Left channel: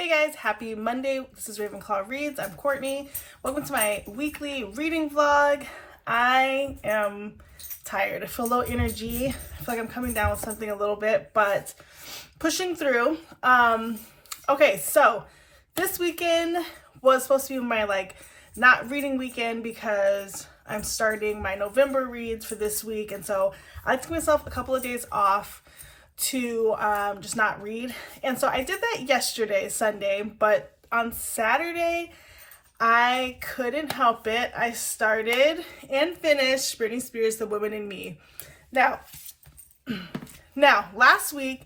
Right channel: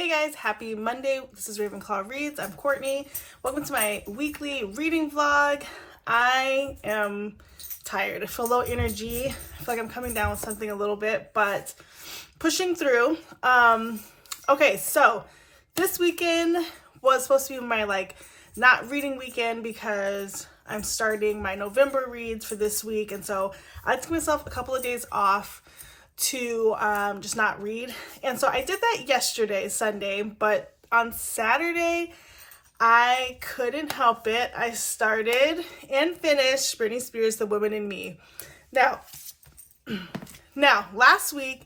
Hey guys, happy Monday. This is Ravenclaw Reads. I'm Courtney. Welcome to my weekly reading vlog. I am tired. I feel low energy. I feel like I'm coming down with something a little bit, but pushing through. Okay, so this weekend was supposed to be my not reading weekend because I'm starting my November reads for this week, and so I took myself a couple of days off to just not read. And so I did that yesterday, Sunday, but on Saturday, I couldn't help it. I started and finished Britney Spears' The Woman in Me. Now, last week,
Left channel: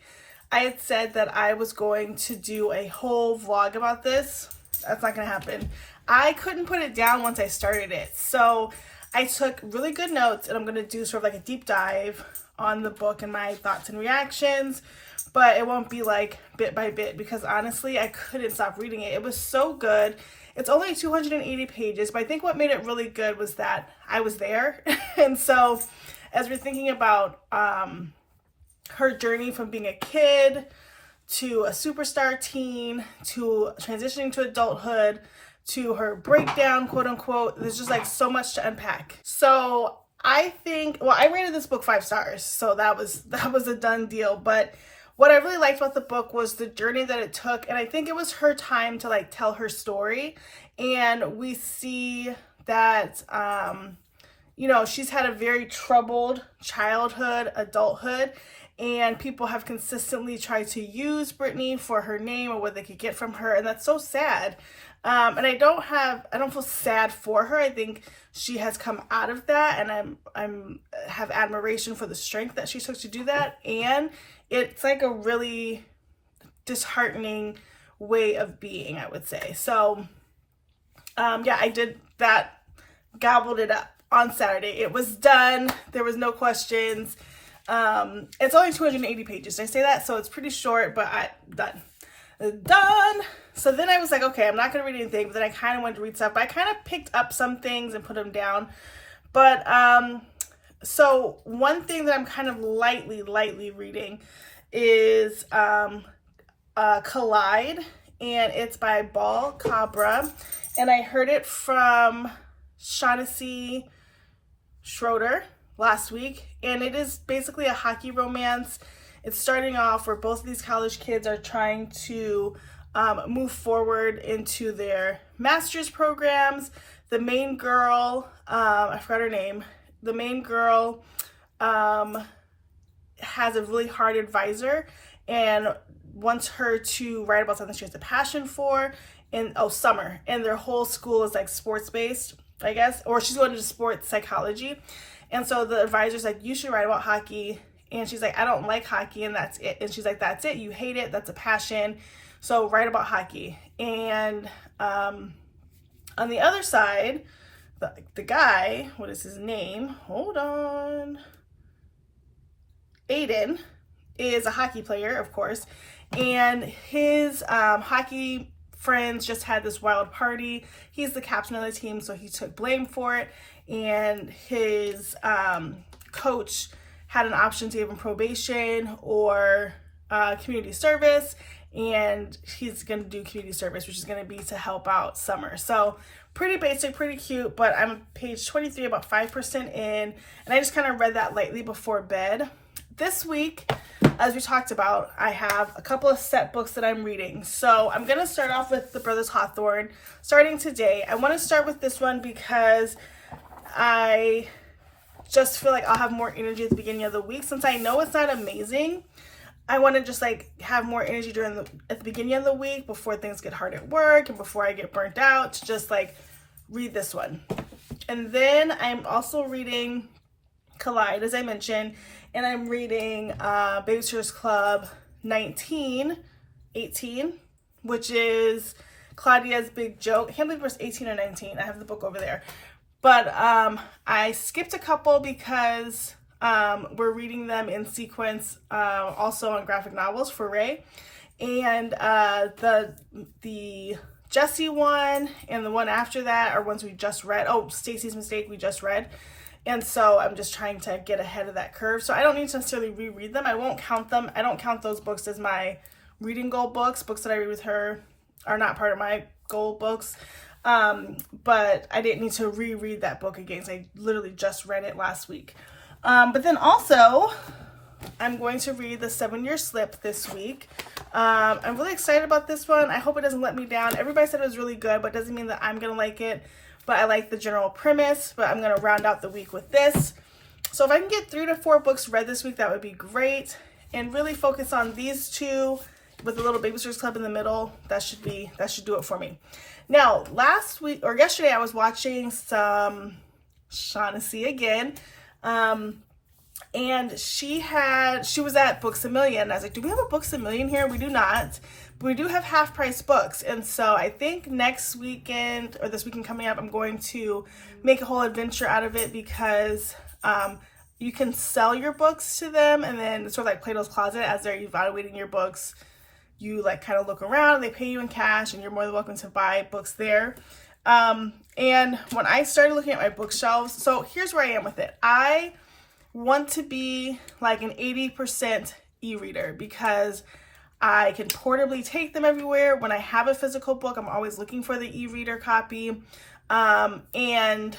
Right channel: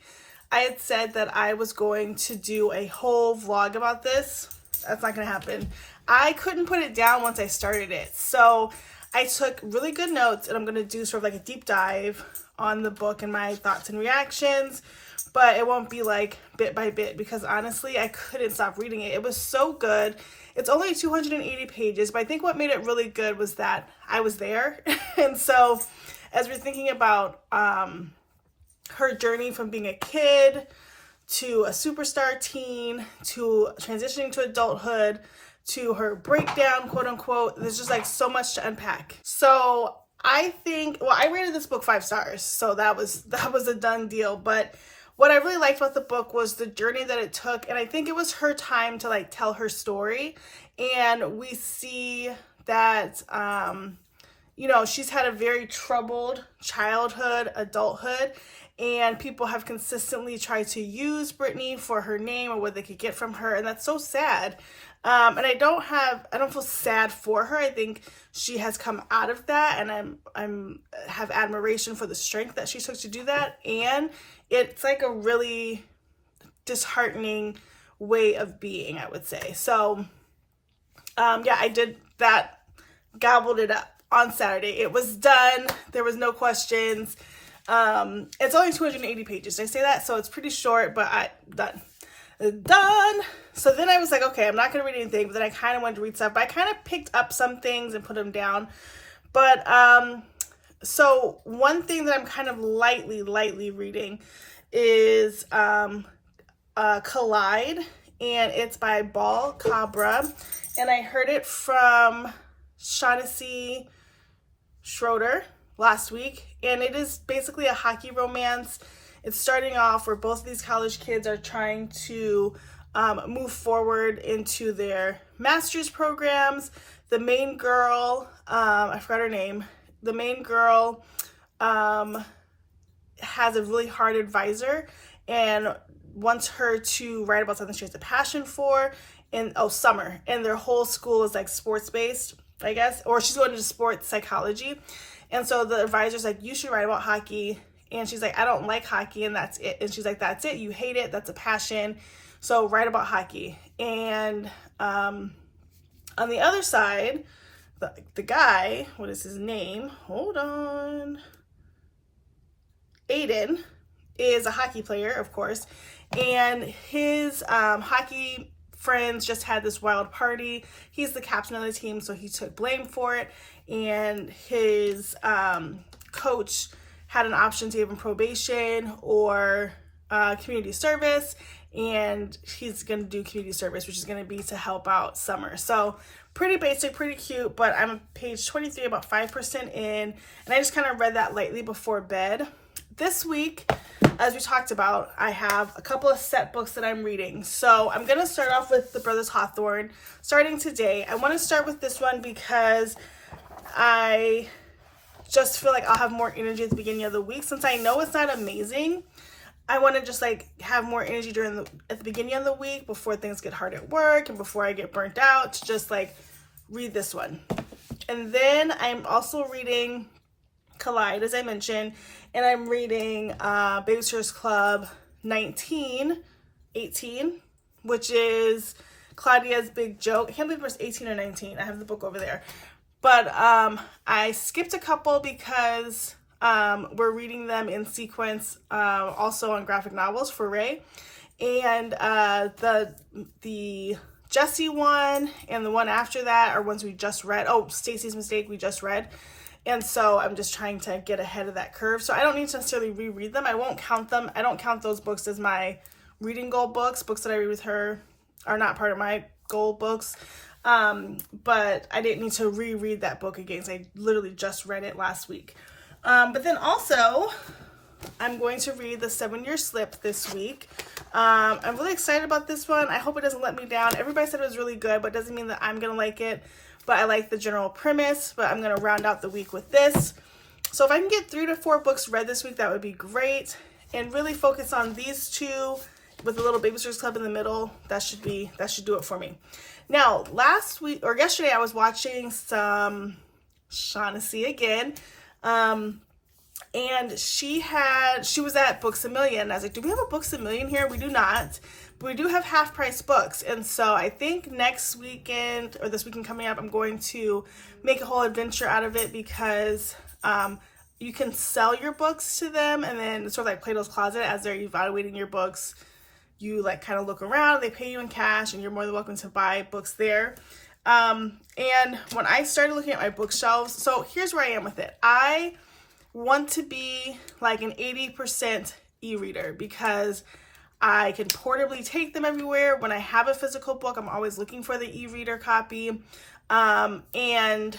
I had said that I was going to do a whole vlog about this. That's not going to happen. I couldn't put it down once I started it. So I took really good notes, and I'm going to do sort of like a deep dive on the book and my thoughts and reactions, but it won't be like bit by bit because honestly, I couldn't stop reading it. It was so good. It's only 280 pages, but I think what made it really good was that I was there. And so as we're thinking about her journey from being a kid to a superstar teen to transitioning to adulthood to her breakdown, quote unquote, there's just like so much to unpack. So I think, well, I rated this book 5 stars, so that was a done deal. But what I really liked about the book was the journey that it took, and I think it was her time to like tell her story. And we see that, she's had a very troubled childhood, adulthood, and people have consistently tried to use Britney for her name or what they could get from her, and that's so sad. And I don't feel sad for her. I think she has come out of that, and I'm have admiration for the strength that she took to do that. And it's like a really disheartening way of being, I would say. So, I did that, gobbled it up on Saturday. It was done. There was no questions. It's only 280 pages. Did I say that? So it's pretty short, but done. So then I was like, okay, I'm not going to read anything, but then I kind of wanted to read stuff, but I kind of picked up some things and put them down. But, so one thing that I'm kind of lightly reading is, Collide, and it's by Ball Cabra, and I heard it from Shaughnessy Schroeder last week, and it is basically a hockey romance. It's starting off where both of these college kids are trying to move forward into their master's programs. The main girl, I forgot her name. The main girl has a really hard advisor and wants her to write about something she has a passion for. Summer. And their whole school is like sports-based, I guess. Or she's going into sports psychology. And so the advisor's like, you should write about hockey. And she's like, I don't like hockey, and that's it. And she's like, that's it. You hate it. That's a passion. So write about hockey. And on the other side, the guy, what is his name? Hold on. Aiden is a hockey player, of course. And his hockey friends just had this wild party. He's the captain of the team, so he took blame for it. And his coach had an option to give him probation or community service, and he's going to do community service, which is going to be to help out Summer. So pretty basic, pretty cute, but I'm page 23, about 5% in, and I just kind of read that lightly before bed. This week, as we talked about, I have a couple of set books that I'm reading. So I'm going to start off with The Brothers Hawthorne, starting today. I want to start with this one because I just feel like I'll have more energy at the beginning of the week. Since I know it's not amazing, I want to just like have more energy at the beginning of the week before things get hard at work and before I get burnt out, to just like read this one. And then I'm also reading Collide, as I mentioned, and I'm reading Babysitter's Club 1918, which is Claudia's Big Joke. I can't believe it was 18 or 19. I have the book over there. But I skipped a couple because we're reading them in sequence, also on graphic novels for Ray. And the Jessie one and the one after that are ones we just read. Oh, Stacy's Mistake we just read. And so I'm just trying to get ahead of that curve. So I don't need to necessarily reread them. I won't count them. I don't count those books as my reading goal books that I read with her. are not part of my goal books. But I didn't need to reread that book again. So I literally just read it last week. But then also, I'm going to read The 7-Year Slip this week. I'm really excited about this one. I hope it doesn't let me down. Everybody said it was really good, but it doesn't mean that I'm going to like it. But I like the general premise, but I'm going to round out the week with this. So if I can get 3 to 4 books read this week, that would be great. And really focus on these two with a little Babysitters Club in the middle. That should do it for me. Now, yesterday, I was watching some Shaughnessy again. And she was at Books A Million. I was like, do we have a Books A Million here? We do not, but we do have half price books. And so I think next weekend or this weekend coming up, I'm going to make a whole adventure out of it because you can sell your books to them, and then it's sort of like Plato's Closet. As they're evaluating your books, you like kind of look around, they pay you in cash, and you're more than welcome to buy books there. And when I started looking at my bookshelves, so here's where I am with it. I want to be like an 80% e-reader because I can portably take them everywhere. When I have a physical book, I'm always looking for the e-reader copy. And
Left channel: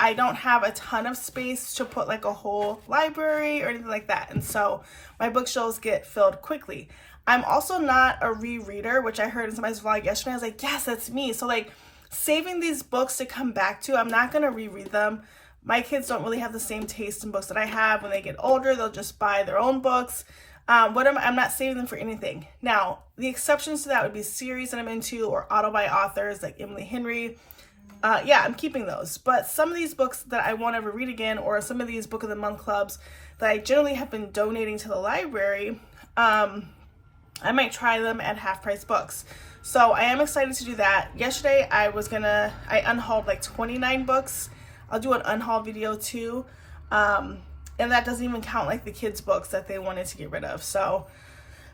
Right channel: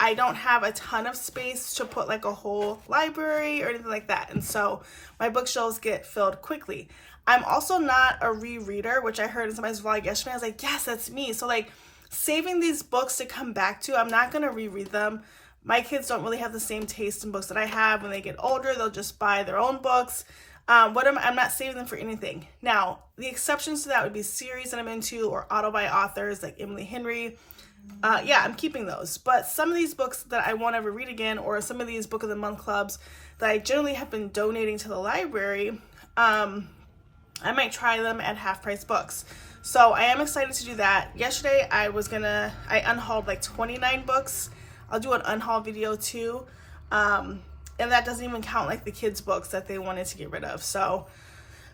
I don't have a ton of space to put like a whole library or anything like that. And so my bookshelves get filled quickly. I'm also not a rereader, which I heard in somebody's vlog yesterday. I was like, yes, that's me. So like saving these books to come back to, I'm not going to reread them. My kids don't really have the same taste in books that I have. When they get older, they'll just buy their own books. I'm not saving them for anything. Now, the exceptions to that would be series that I'm into or auto by authors like Emily Henry. I'm keeping those. But some of these books that I won't ever read again, or some of these Book of the Month clubs that I generally have been donating to the library, I might try them at half price books. So I am excited to do that. Yesterday, I unhauled like 29 books. I'll do an unhaul video too. And that doesn't even count like the kids' books that they wanted to get rid of. So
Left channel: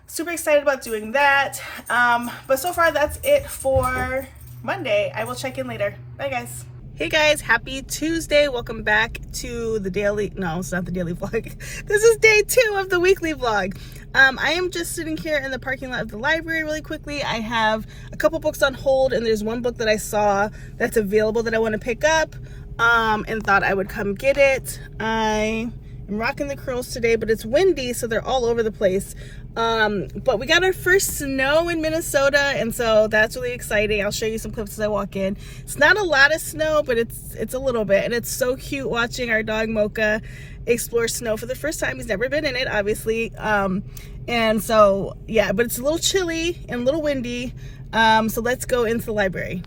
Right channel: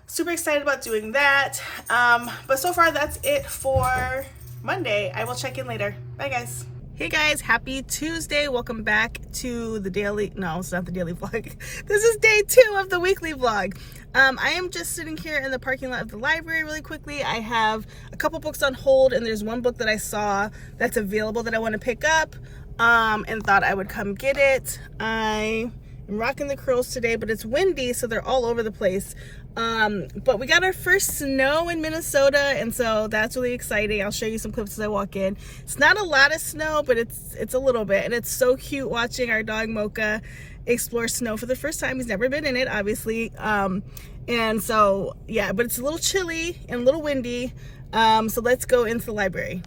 super excited about doing that. But so far that's it for Monday. I will check in later. Bye guys. Hey guys, happy Tuesday. Welcome back to the daily, no, it's not the daily vlog. This is day 2 of the weekly vlog. I am just sitting here in the parking lot of the library really quickly. I have a couple books on hold, and there's one book that I saw that's available that I want to pick up, and thought I would come get it. I am rocking the curls today, but it's windy, so they're all over the place. But we got our first snow in Minnesota, and so that's really exciting. I'll show you some clips as I walk in. It's not a lot of snow, but it's a little bit, and it's so cute watching our dog Mocha explore snow for the first time. He's never been in it, obviously. And so yeah, but it's a little chilly and a little windy. So let's go into the library.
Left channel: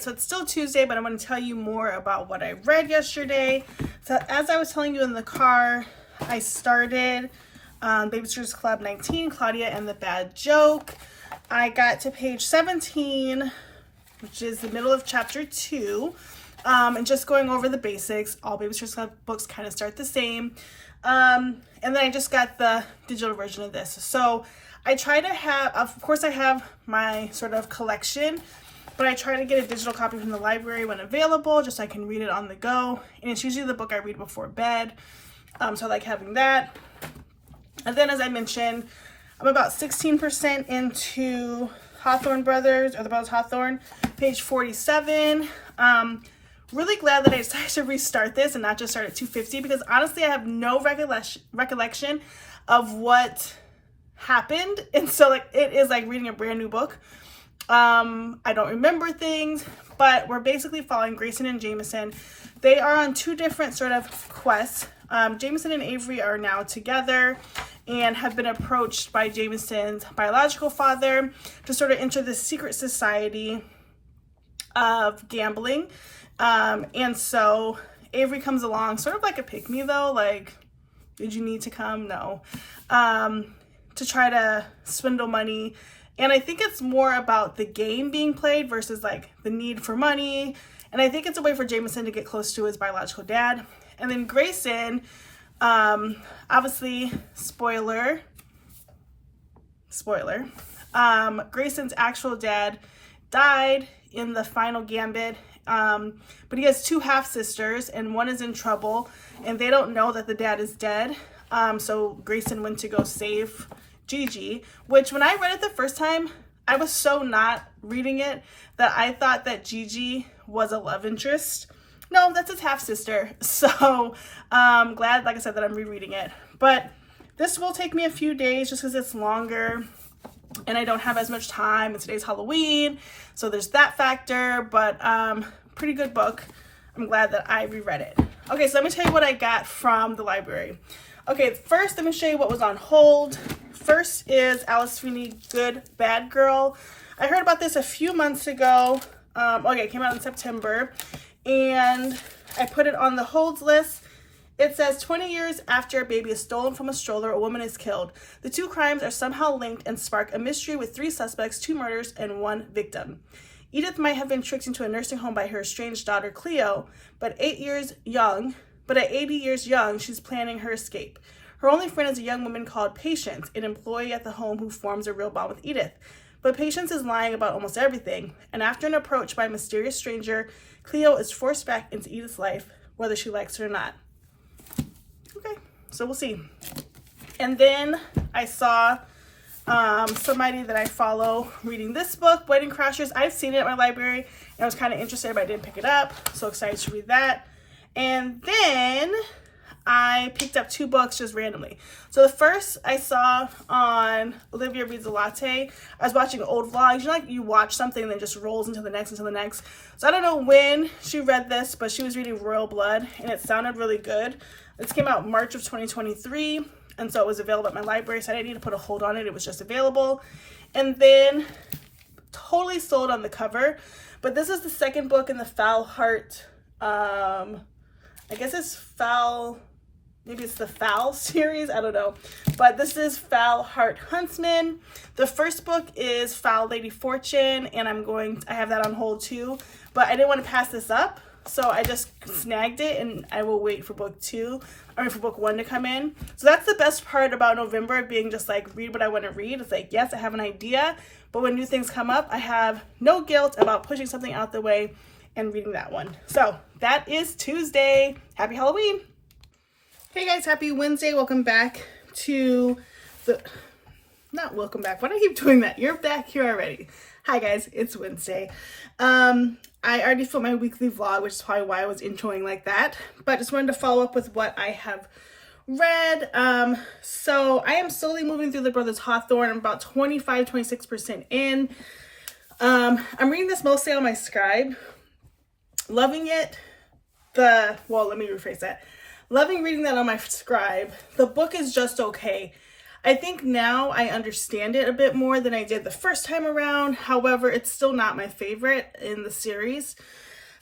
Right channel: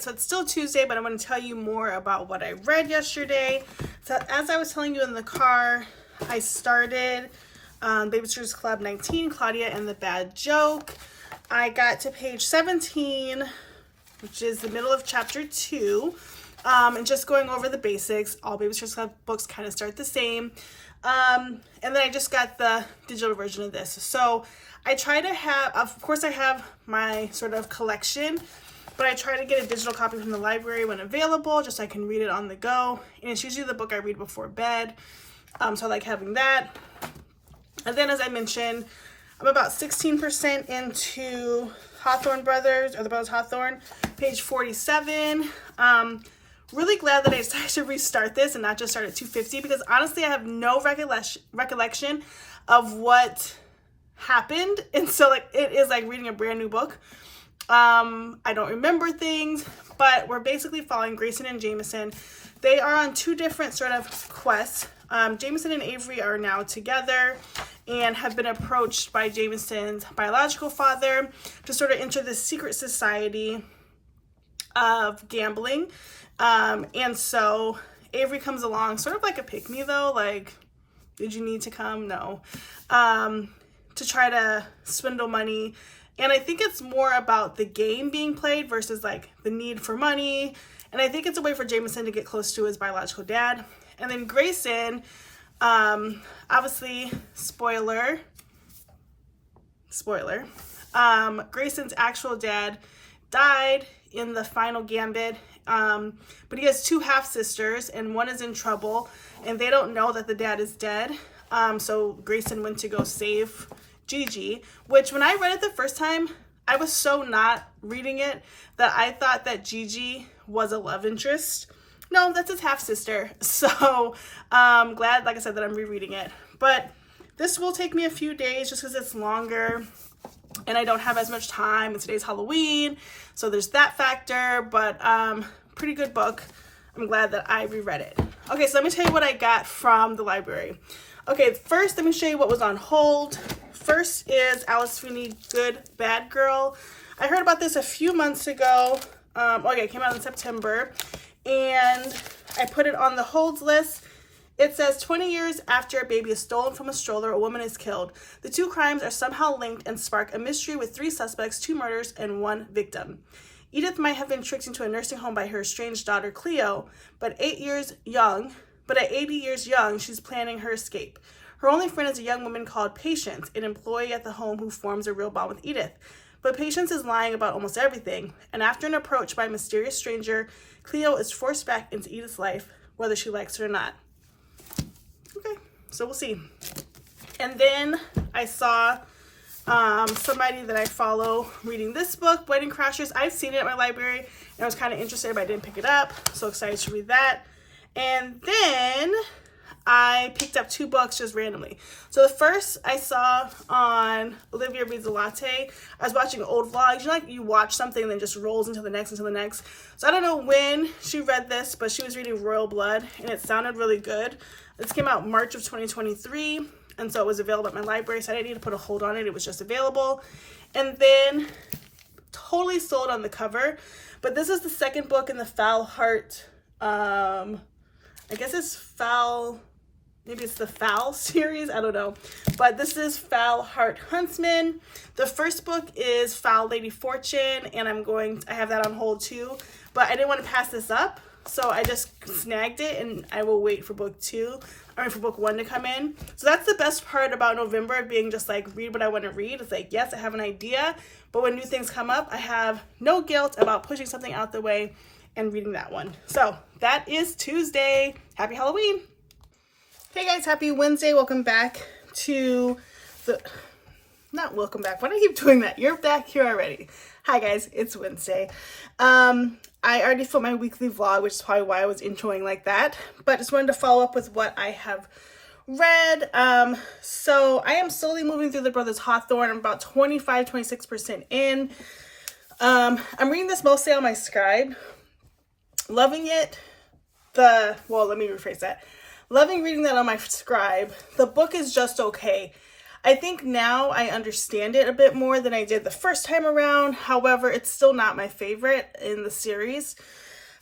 So it's still Tuesday, but I'm going to tell you more about what I read yesterday. So as I was telling you in the car, I started Babysitters Club 19, Claudia and the Bad Joke. I got to page 17, which is the middle of chapter 2, and just going over the basics. All Babysitters Club books kind of start the same. And then I just got the digital version of this. So I try to have, of course I have my sort of collection, but I try to get a digital copy from the library when available, just so I can read it on the go. And it's usually the book I read before bed. So I like having that. And then, as I mentioned, I'm about 16% into Hawthorne Brothers, or the Brothers Hawthorne, page 47. Really glad that I decided to restart this and not just start at 250, because honestly, I have no recollection of what happened. And so like it is like reading a brand new book. I don't remember things, but we're basically following Grayson and Jameson. They are on two different sort of quests. Jameson and Avery are now together and have been approached by Jameson's biological father to sort of enter this secret society of gambling. And so Avery comes along, sort of like a pick-me though, like, did you need to come? No. To try to swindle money. And I think it's more about the game being played versus like the need for money. And I think it's a way for Jameson to get close to his biological dad. And then Grayson, obviously, spoiler, Grayson's actual dad died in the final gambit. But he has two half-sisters and one is in trouble and they don't know that the dad is dead. So Grayson went to go save Gigi, which when I read it the first time, I was so not reading it that I thought that Gigi was a love interest. No, that's his half-sister. So glad, like I said, that I'm rereading it. But this will take me a few days just because it's longer and I don't have as much time. And today's Halloween, so there's that factor. But pretty good book. I'm glad that I reread it. Okay, so let me tell you what I got from the library. Okay, first let me show you what was on hold. First is Alice Sweeney, Good Bad Girl. I heard about this a few months ago. Okay, it came out in September. And I put it on the holds list. It says 20 years after a baby is stolen from a stroller, a woman is killed. The two crimes are somehow linked and spark a mystery with 3 suspects, 2 murders, and 1 victim. Edith might have been tricked into a nursing home by her estranged daughter, Cleo, but at 80 years young, she's planning her escape. Her only friend is a young woman called Patience, an employee at the home who forms a real bond with Edith. But Patience is lying about almost everything, and after an approach by a mysterious stranger, Cleo is forced back into Edith's life, whether she likes it or not. Okay, so we'll see. And then I saw somebody that I follow reading this book, Wedding Crashers. I've seen it at my library, and I was kind of interested, but I didn't pick it up. So excited to read that. And then I picked up 2 books just randomly. So the first I saw on Olivia Reads a Latte. I was watching old vlogs. You know, like you watch something and then just rolls into the next, into the next. So I don't know when she read this, but she was reading Royal Blood and it sounded really good. This came out March of 2023. And so it was available at my library. So I didn't need to put a hold on it. It was just available. And then totally sold on the cover. But this is the second book in the Foul Heart. I guess it's Foul... Maybe it's the Foul series, I don't know. But this is Foul Heart Huntsman. The first book is Foul Lady Fortune, and I have that on hold too. But I didn't want to pass this up, so I just snagged it, and I will wait for book 1 to come in. So that's the best part about November, being just like, read what I want to read. It's like, yes, I have an idea, but when new things come up, I have no guilt about pushing something out the way and reading that one. So that is Tuesday. Happy Halloween. Hey guys, happy Wednesday. Welcome back to not welcome back. Why do I keep doing that? You're back here already. Hi guys, it's Wednesday. I already filmed my weekly vlog, which is probably why I was introing like that. But just wanted to follow up with what I have read. So I am slowly moving through the Brothers Hawthorne. I'm about 25-26% in. I'm reading this mostly on my Scribe. Loving it. Let me rephrase that. Loving reading that on my Scribe. The book is just okay. I think now I understand it a bit more than I did the first time around. However, it's still not my favorite in the series.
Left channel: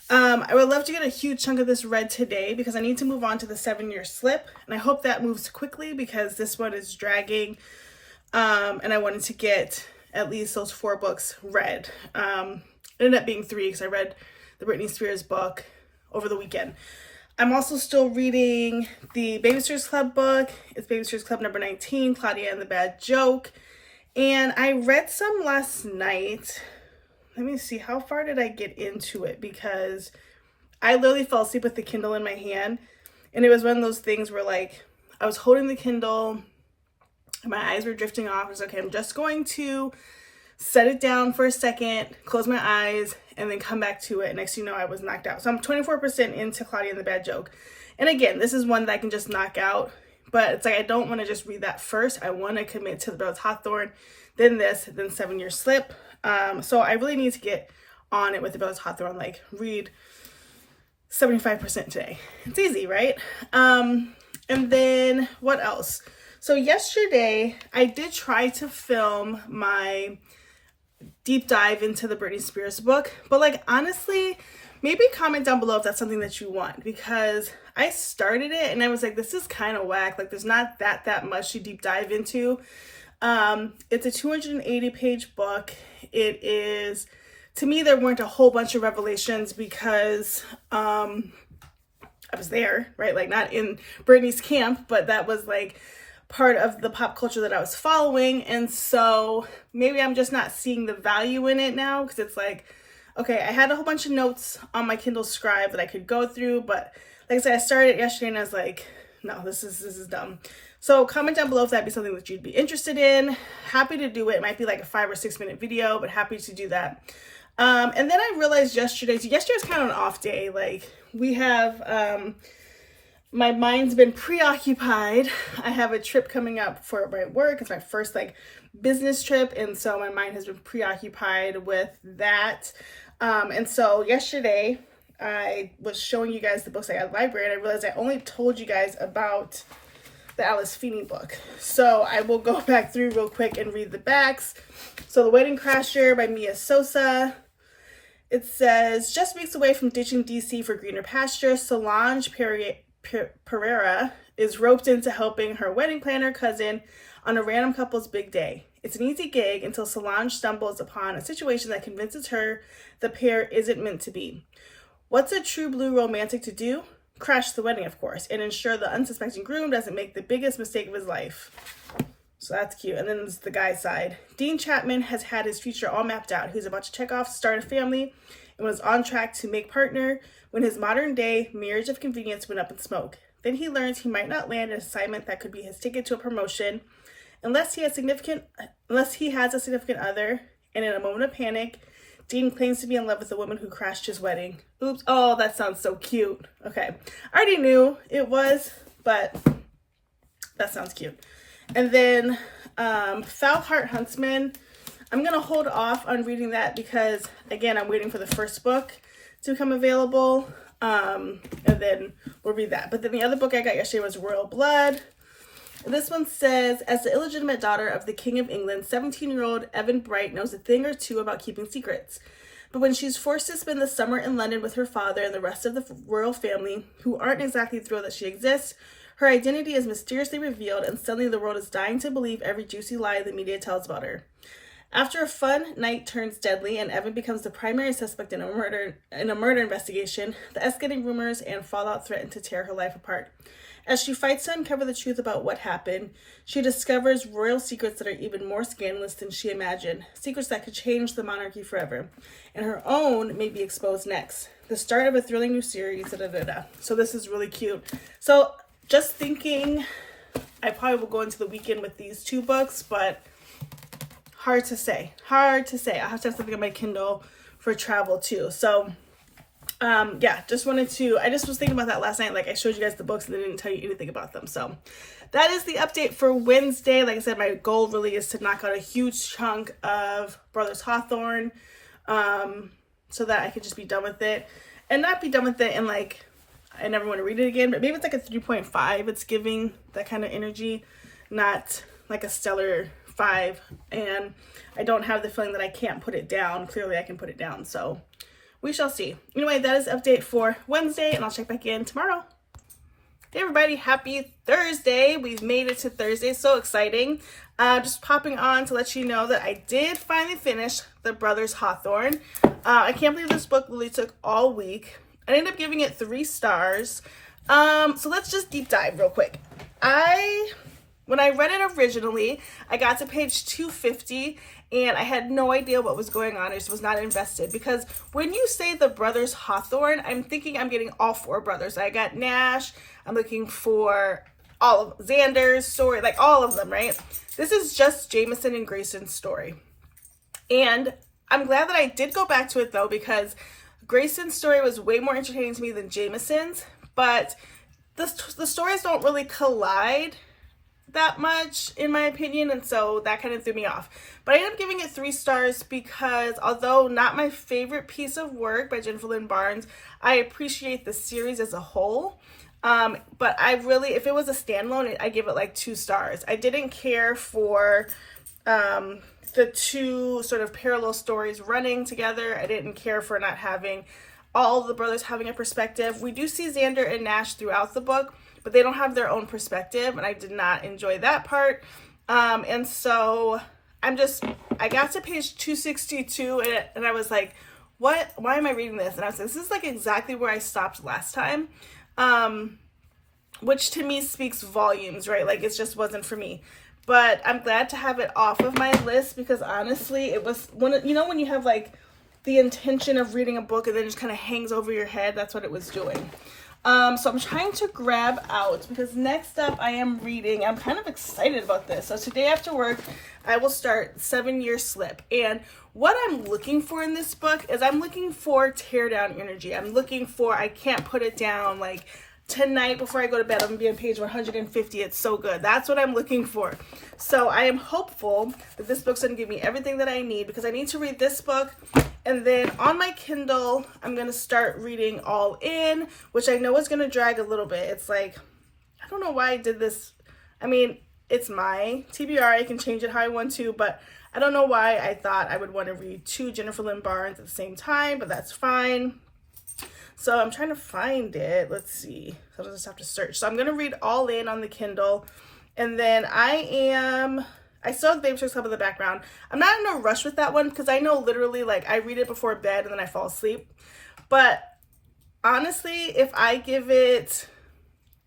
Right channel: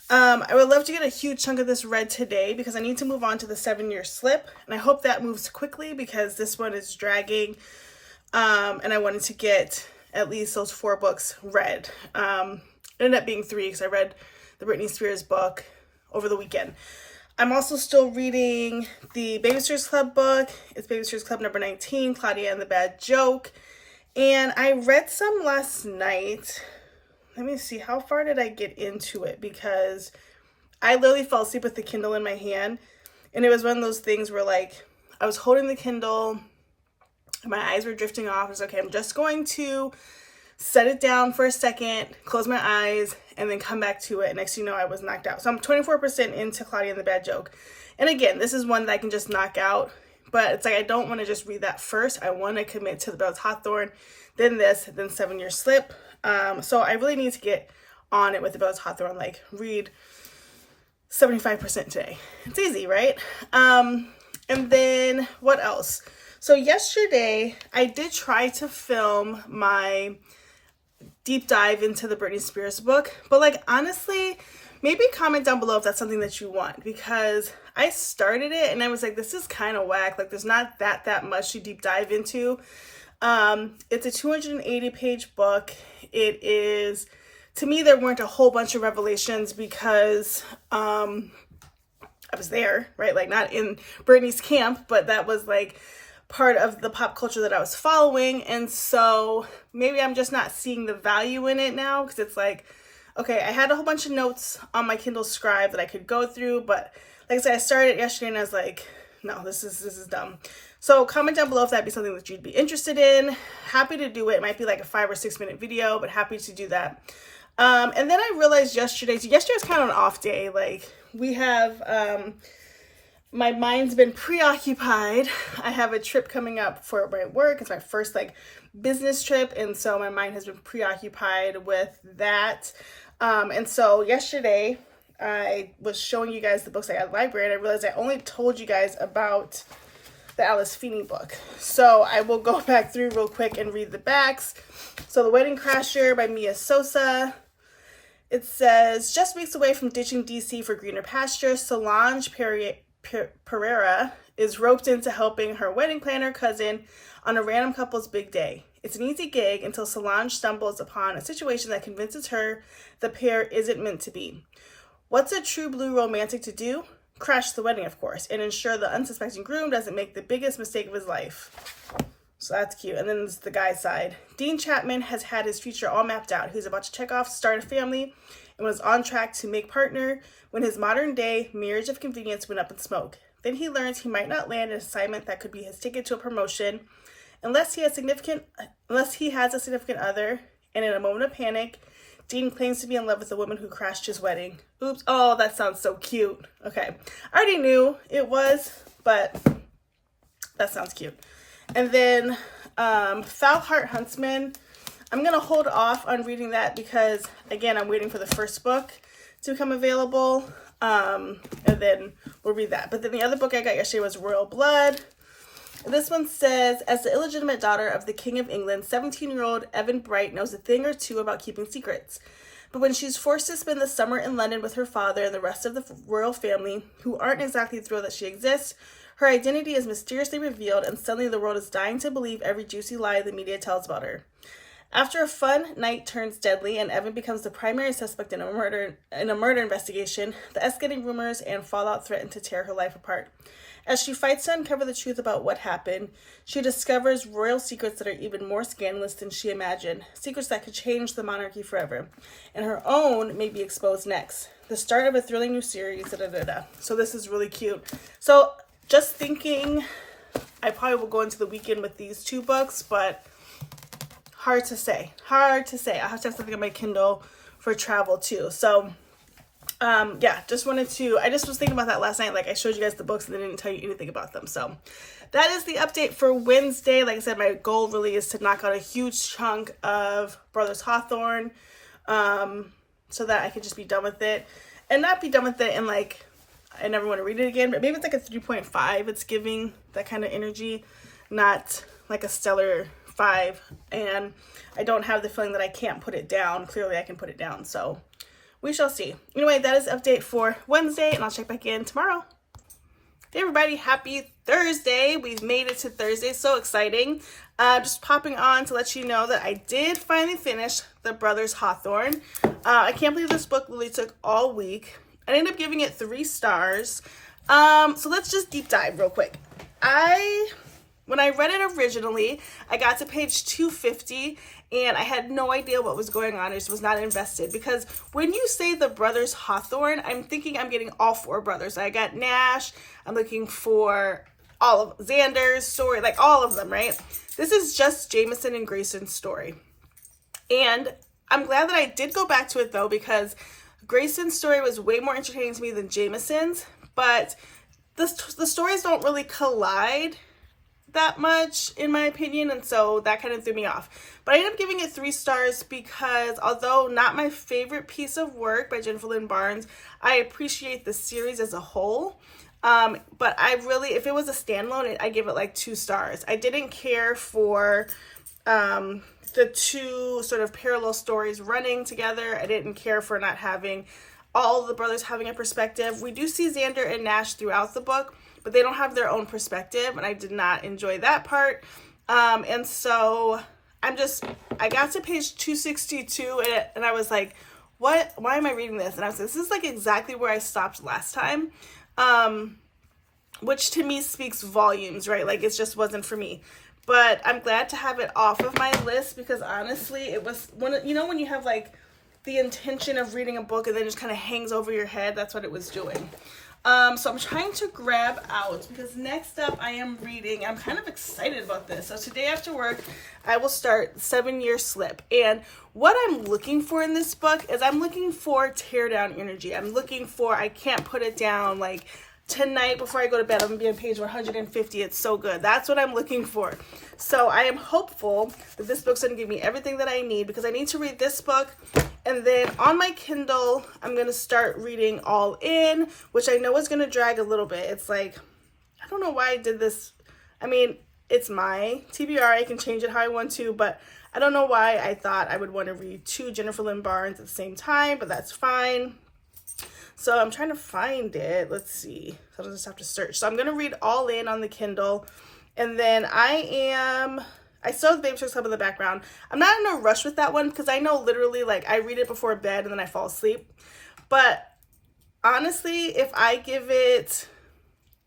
I would love to get a huge chunk of this read today because I need to move on to the 7-Year Slip. And I hope that moves quickly because this one is dragging. And I wanted to get at least those 4 books read. It ended up being 3 because I read the Britney Spears book over the weekend. I'm also still reading the Babysitters Club book. It's Babysitters Club number 19, Claudia and the Bad Joke. And I read some last night. Let me see, how far did I get into it? Because I literally fell asleep with the Kindle in my hand. And it was one of those things where like, I was holding the Kindle, my eyes were drifting off. I was okay, I'm just going to set it down for a second, close my eyes, and then come back to it. Next thing you know, I was knocked out. So I'm 24% into Claudia and the Bad Joke. And again, this is one that I can just knock out. But it's like, I don't want to just read that first. I want to commit to the Brothers Hawthorne, then this, then 7-Year Slip. So I really need to get on it with the Brothers Hawthorne, like read 75% today. It's easy, right? And then what else? So yesterday I did try to film my deep dive into the Britney Spears book, but like honestly, maybe comment down below if that's something that you want, because I started it and I was like, this is kind of whack. Like there's not that much to deep dive into. It's a 280 page book. It is, to me, there weren't a whole bunch of revelations because I was there, right? Like not in Britney's camp, but that was like part of the pop culture that I was following. And so maybe I'm just not seeing the value in it now, because it's like, okay, I had a whole bunch of notes on my Kindle Scribe that I could go through, but like I said, I started it yesterday and I was like, no, this is dumb. So comment down below if that'd be something that you'd be interested in. Happy to do it. It might be like a 5 or 6 minute video, but happy to do that. And then I realized yesterday, so yesterday was kind of an off day. Like we have, my mind's been preoccupied. I have a trip coming up for my work. It's my first like business trip. And so my mind has been preoccupied with that. And so yesterday I was showing you guys the books I got at the library, and I realized I only told you guys about the Alice Feeney book. So I will go back through real quick and read the backs. So The Wedding Crasher by Mia Sosa. It says, just weeks away from ditching DC for greener pastures, Solange Pereira is roped into helping her wedding planner cousin on a random couple's big day. It's an easy gig until Solange stumbles upon a situation that convinces her the pair isn't meant to be. What's a true blue romantic to do? Crash the wedding, of course, and ensure the unsuspecting groom doesn't make the biggest mistake of his life. So that's cute. And then there's the guy's side. Dean Chapman has had his future all mapped out. He's about to check off, start a family, and was on track to make partner when his modern day marriage of convenience went up in smoke. Then he learns he might not land an assignment that could be his ticket to a promotion unless he has a significant other, and in a moment of panic, Dean claims to be in love with the woman who crashed his wedding. Oops. Oh, that sounds so cute. Okay. I already knew it was, but that sounds cute. And then Foul Heart Huntsman. I'm going to hold off on reading that because, again, I'm waiting for the first book to become available. And then we'll read that. But then the other book I got yesterday was Royal Blood. And this one says, as the illegitimate daughter of the King of England, 17-year-old Evan Bright knows a thing or two about keeping secrets. But when she's forced to spend the summer in London with her father and the rest of the royal family, who aren't exactly thrilled that she exists, her identity is mysteriously revealed, and suddenly the world is dying to believe every juicy lie the media tells about her. After a fun night turns deadly and Evan becomes the primary suspect in a murder investigation, the escalating rumors and fallout threaten to tear her life apart. As she fights to uncover the truth about what happened, she discovers royal secrets that are even more scandalous than she imagined, secrets that could change the monarchy forever, and her own may be exposed next. The start of a thrilling new series. So this is really cute. So just thinking, I probably will go into the weekend with these two books, but hard to say. I have to have something on my Kindle for travel too. So yeah, I just was thinking about that last night. Like I showed you guys the books and then didn't tell you anything about them. So that is the update for Wednesday. Like I said, my goal really is to knock out a huge chunk of Brothers Hawthorne, so that I can just be done with it, and not be done with it and like, I never want to read it again, but maybe it's like a 3.5. It's giving that kind of energy, not like a stellar 5. And I don't have the feeling that I can't put it down. Clearly I can put it down. So we shall see. Anyway, that is the update for Wednesday, and I'll check back in tomorrow. Hey everybody, happy Thursday. We've made it to Thursday. So exciting. Just popping on to let you know that I did finally finish The Brothers Hawthorne. I can't believe this book really took all week. I ended up giving it 3 stars. So let's just deep dive real quick. When I read it originally, I got to page 250 and I had no idea what was going on. I just was not invested, because when you say The Brothers Hawthorne, I'm thinking I'm getting all 4 brothers. I got Nash. I'm looking for all of Xander's story, like all of them, right? This is just Jameson and Grayson's story. And I'm glad that I did go back to it though, because Grayson's story was way more entertaining to me than Jameson's, but the stories don't really collide that much in my opinion, and so that kind of threw me off. But I ended up giving it 3 stars because although not my favorite piece of work by Jennifer Lynn Barnes, I appreciate the series as a whole. But I really, if it was a standalone, I give it like 2 stars. I didn't care for the 2 sort of parallel stories running together. I didn't care for not having all the brothers having a perspective. We do see Xander and Nash throughout the book, but they don't have their own perspective, and I did not enjoy that part. And so I got to page 262 and I was like, why am I reading this? And I was like, this is like exactly where I stopped last time. Which to me speaks volumes, right? Like it just wasn't for me. But I'm glad to have it off of my list because honestly, it was when you have like the intention of reading a book and then it just kind of hangs over your head, that's what it was doing. So I'm trying to grab out because next up I am reading, I'm kind of excited about this. So today after work, I will start 7-Year Slip. And what I'm looking for in this book is I'm looking for teardown energy. I'm looking for, I can't put it down, like tonight before I go to bed, I'm gonna be on page 150. It's so good. That's what I'm looking for. So I am hopeful that this book's gonna give me everything that I need because I need to read this book. And then on my Kindle, I'm going to start reading All In, which I know is going to drag a little bit. It's like, I don't know why I did this. I mean, it's my TBR. I can change it how I want to, but I don't know why I thought I would want to read 2 Jennifer Lynn Barnes at the same time, but that's fine. So I'm trying to find it. Let's see. So I'll just have to search. So I'm going to read All In on the Kindle. And then I still have the Babysitters Club in the background. I'm not in a rush with that one because I know literally like I read it before bed and then I fall asleep. But honestly, if I give it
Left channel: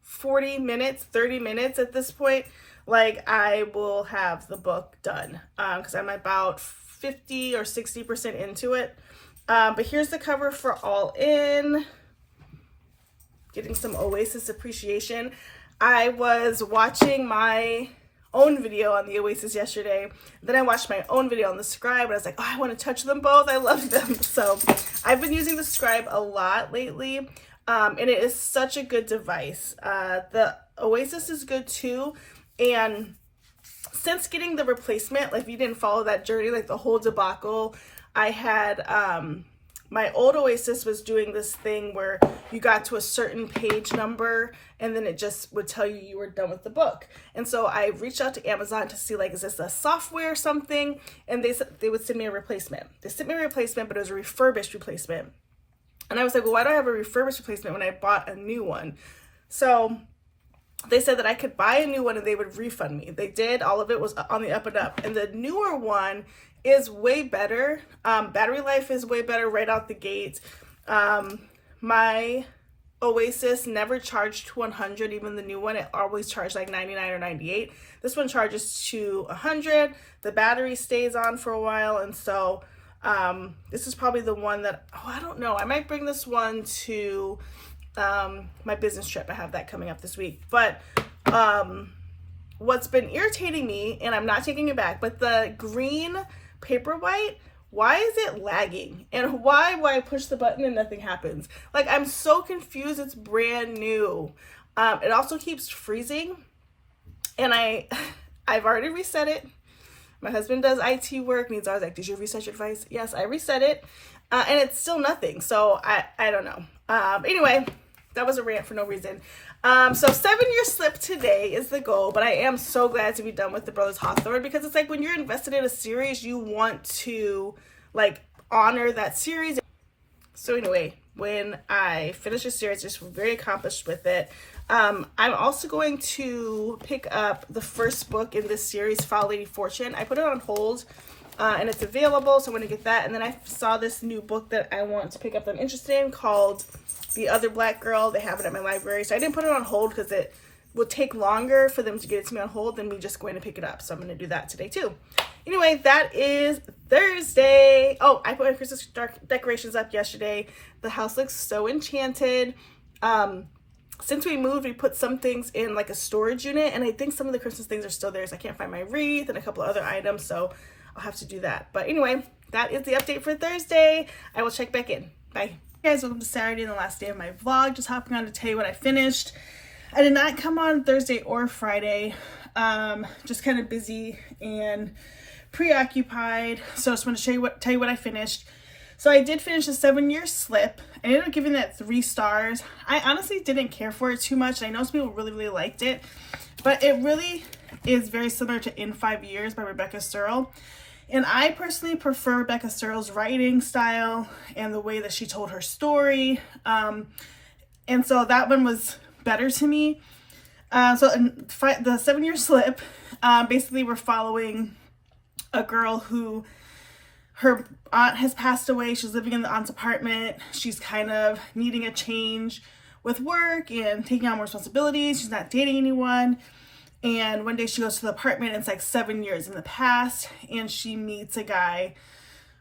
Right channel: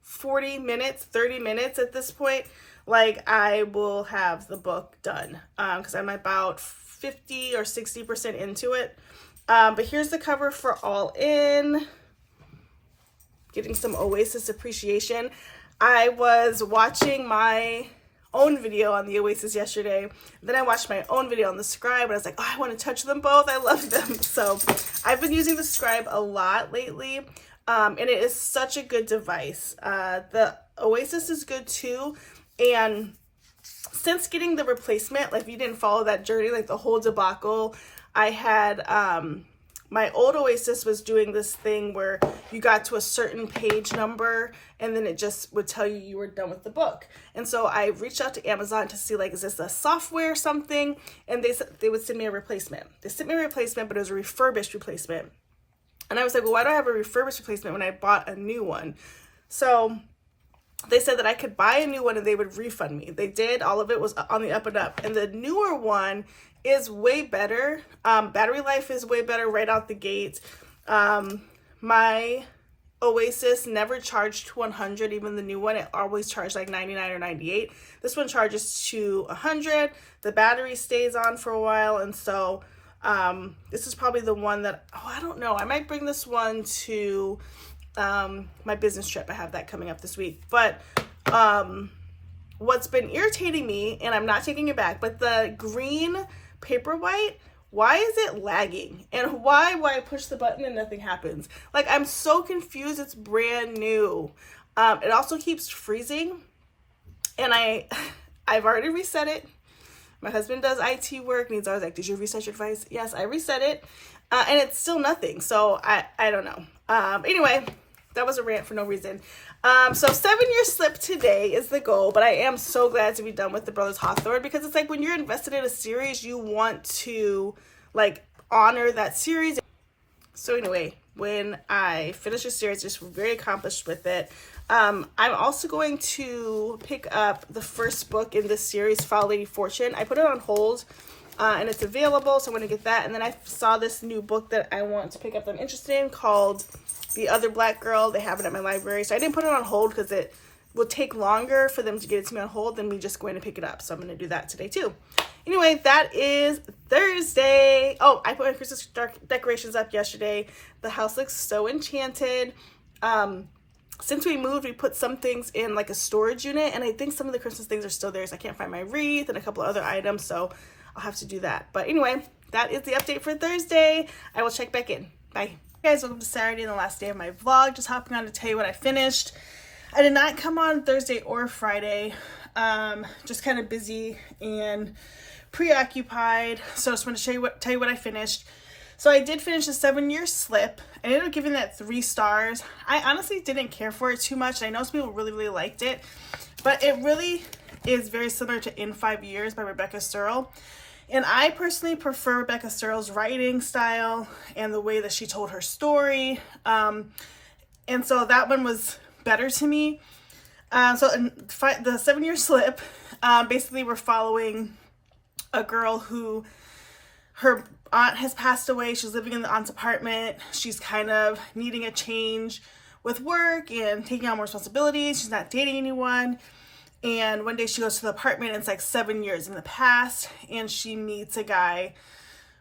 40 minutes, 30 minutes at this point, like I will have the book done because I'm about 50 or 60% into it. But here's the cover for All In. Getting some Oasis appreciation. I was watching my own video on the Oasis yesterday. Then I watched my own video on the Scribe and I was like, oh, I want to touch them both. I love them. So I've been using the Scribe a lot lately. And it is such a good device. The Oasis is good too. And since getting the replacement, like if you didn't follow that journey, like the whole debacle, I had, my old Oasis was doing this thing where you got to a certain page number and then it just would tell you you were done with the book. And so I reached out to Amazon to see like, is this a software or something? And they would send me a replacement. They sent me a replacement, but it was a refurbished replacement. And I was like, well, why do I have a refurbished replacement when I bought a new one? So they said that I could buy a new one and they would refund me. They did. All of it was on the up and up. And the newer one is way better. Battery life is way better right out the gate. My Oasis never charged to 100, even the new one. It always charged like 99 or 98. This one charges to 100. The battery stays on for a while. And so this is probably the one that, I don't know. I might bring this one to my business trip. I have that coming up this week. But what's been irritating me, and I'm not taking it back, but the green Paperwhite, why is it lagging? And why I push the button and nothing happens? Like, I'm so confused. It's brand new. It also keeps freezing. And I've already reset it. My husband does IT work and he's always like, did you reset your device? Yes, I reset it. And it's still nothing. So I don't know. Anyway, that was a rant for no reason. So 7-Year Slip today is the goal, but I am so glad to be done with the Brothers Hawthorne because it's like when you're invested in a series, you want to like honor that series. So anyway, when I finish the series, just very accomplished with it. I'm also going to pick up the first book in this series, Foul Lady Fortune. I put it on hold and it's available, so I'm going to get that. And then I saw this new book that I want to pick up that I'm interested in called The Other Black Girl. They have it at my library. So I didn't put it on hold because it would take longer for them to get it to me on hold than me just going to pick it up. So I'm going to do that today too. Anyway, that is Thursday. Oh, I put my Christmas decorations up yesterday. The house looks so enchanted. Since we moved, we put some things in like a storage unit, and I think some of the Christmas things are still there, so I can't find my wreath and a couple of other items, so I'll have to do that. But anyway, that is the update for Thursday. I will check back in. Bye. Hey guys, welcome to Saturday and the last day of my vlog. Just hopping on to tell you what I finished. I did not come on Thursday or Friday. Just kind of busy and preoccupied. So I just want to tell you what I finished. So I did finish a 7-year slip. I ended up giving that 3 stars. I honestly didn't care for it too much. I know some people really liked it, but it really is very similar to In 5 Years by Rebecca Searle. And I personally prefer Rebecca Searle's writing style and the way that she told her story. And so that one was better to me. So in the 7-year slip, basically we're following a girl who, her aunt has passed away. She's living in the aunt's apartment. She's kind of needing a change with work and taking on more responsibilities. She's not dating anyone. And one day she goes to the apartment, and it's like 7 years in the past, and she meets a guy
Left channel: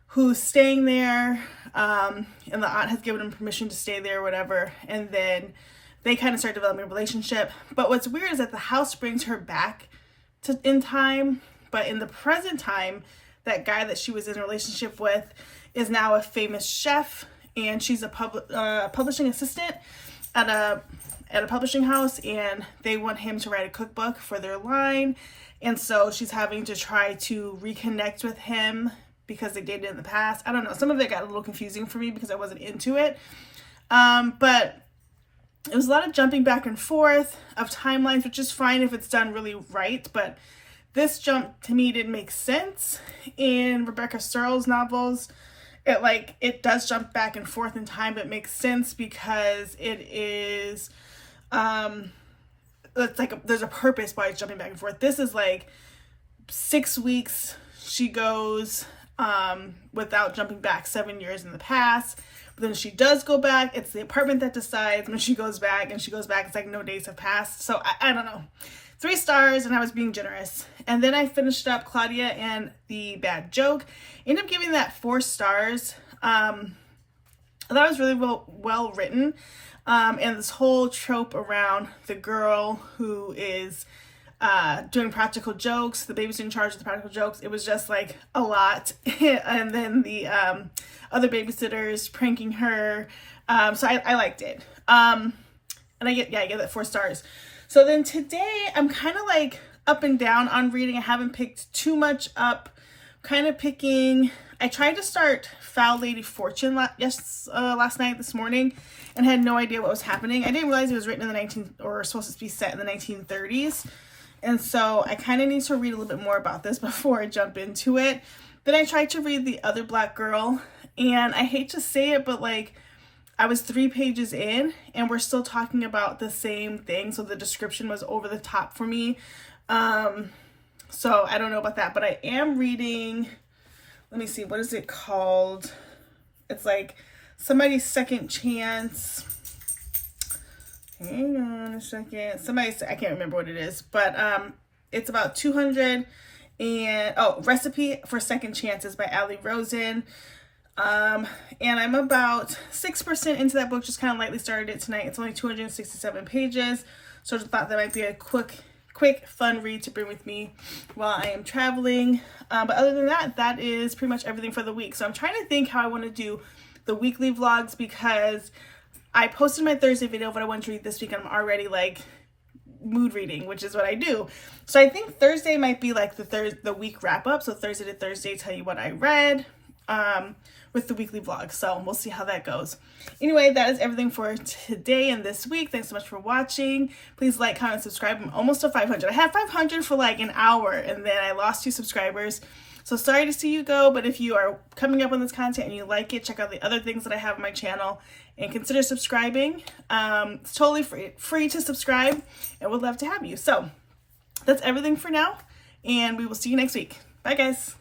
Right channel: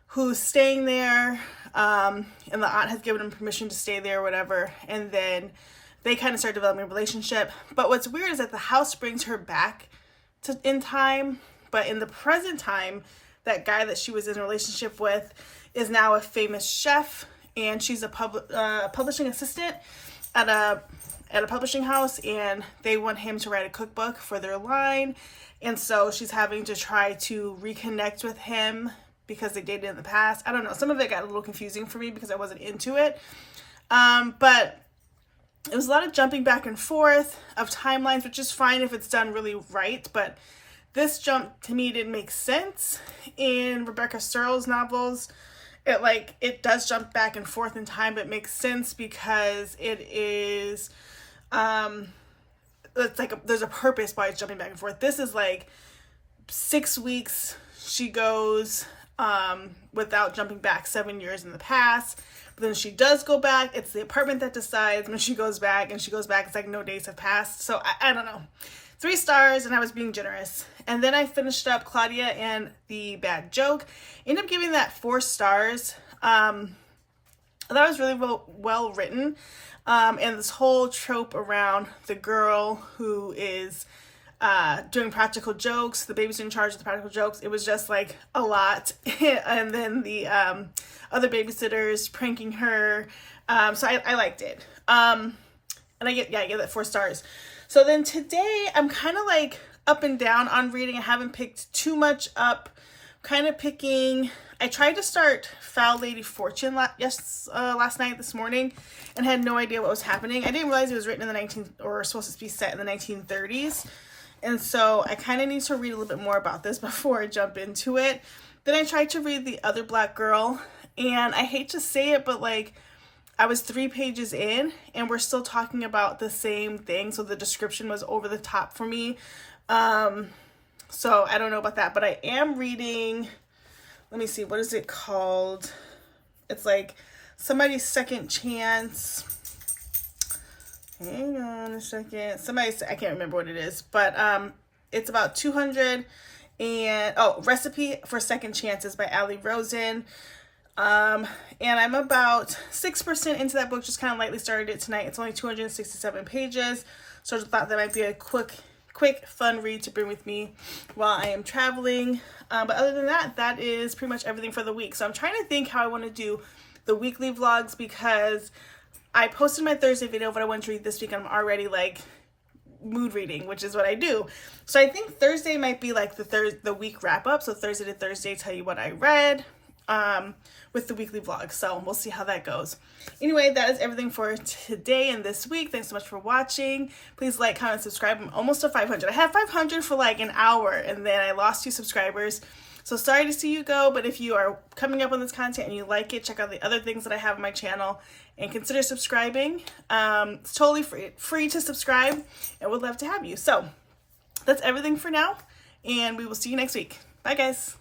who's staying there, and the aunt has given him permission to stay there or whatever, and then they kind of start developing a relationship. But what's weird is that the house brings her back in time, but in the present time, that guy that she was in a relationship with is now a famous chef, and she's a publishing assistant at a publishing house, and they want him to write a cookbook for their line. And so she's having to try to reconnect with him because they dated in the past. I don't know. Some of it got a little confusing for me because I wasn't into it. But it was a lot of jumping back and forth of timelines, which is fine if it's done really right. But this jump to me didn't make sense. In Rebecca Searle's novels, it does jump back and forth in time, but it makes sense because it is, it's like there's a purpose why it's jumping back and forth. This is like 6 weeks she goes without jumping back 7 years in the past. But then she does go back. It's the apartment that decides when she goes back, and she goes back. It's like no days have passed. So I don't know. 3 stars, and I was being generous. And then I finished up Claudia and the Bad Joke. Ended up giving that 4 stars. I thought it was really well written. And this whole trope around the girl who is doing practical jokes, the baby's in charge of the practical jokes, it was just like a lot. And then the other babysitters pranking her. So I liked it. And I give that 4 stars. So then today I'm kind of like up and down on reading. I haven't picked too much up. Kind of picking, I tried to start Foul Lady Fortune last night, this morning, and had no idea what was happening. I didn't realize it was written in the supposed to be set in the 1930s. And so I kind of need to read a little bit more about this before I jump into it. Then I tried to read The Other Black Girl, and I hate to say it, but like I was 3 pages in and we're still talking about the same thing. So the description was over the top for me. So I don't know about that, but I am reading, let me see, what is it called? It's like Somebody's Second Chance. Hang on a second. I can't remember what it is, but it's about 200 and Recipe for Second Chances by Ali Rosen. And I'm about 6% into that book, just kind of lightly started it tonight. It's only 267 pages. So I just thought that might be a quick, fun read to bring with me while I am traveling. But other than that, that is pretty much everything for the week. So I'm trying to think how I want to do the weekly vlogs, because I posted my Thursday video of what I want to read this week, and I'm already like mood reading, which is what I do. So I think Thursday might be like the week wrap up. So Thursday to Thursday, tell you what I read. With the weekly vlog. So we'll see how that goes. Anyway, that is everything for today and this week. Thanks so much for watching. Please like, comment, subscribe. I'm almost to 500. I had 500 for like an hour, and then I lost 2 subscribers. So sorry to see you go, but if you are coming up on this content and you like it, check out the other things that I have on my channel and consider subscribing. It's totally free to subscribe, and would love to have you. So that's everything for now, and we will see you next week. Bye, guys.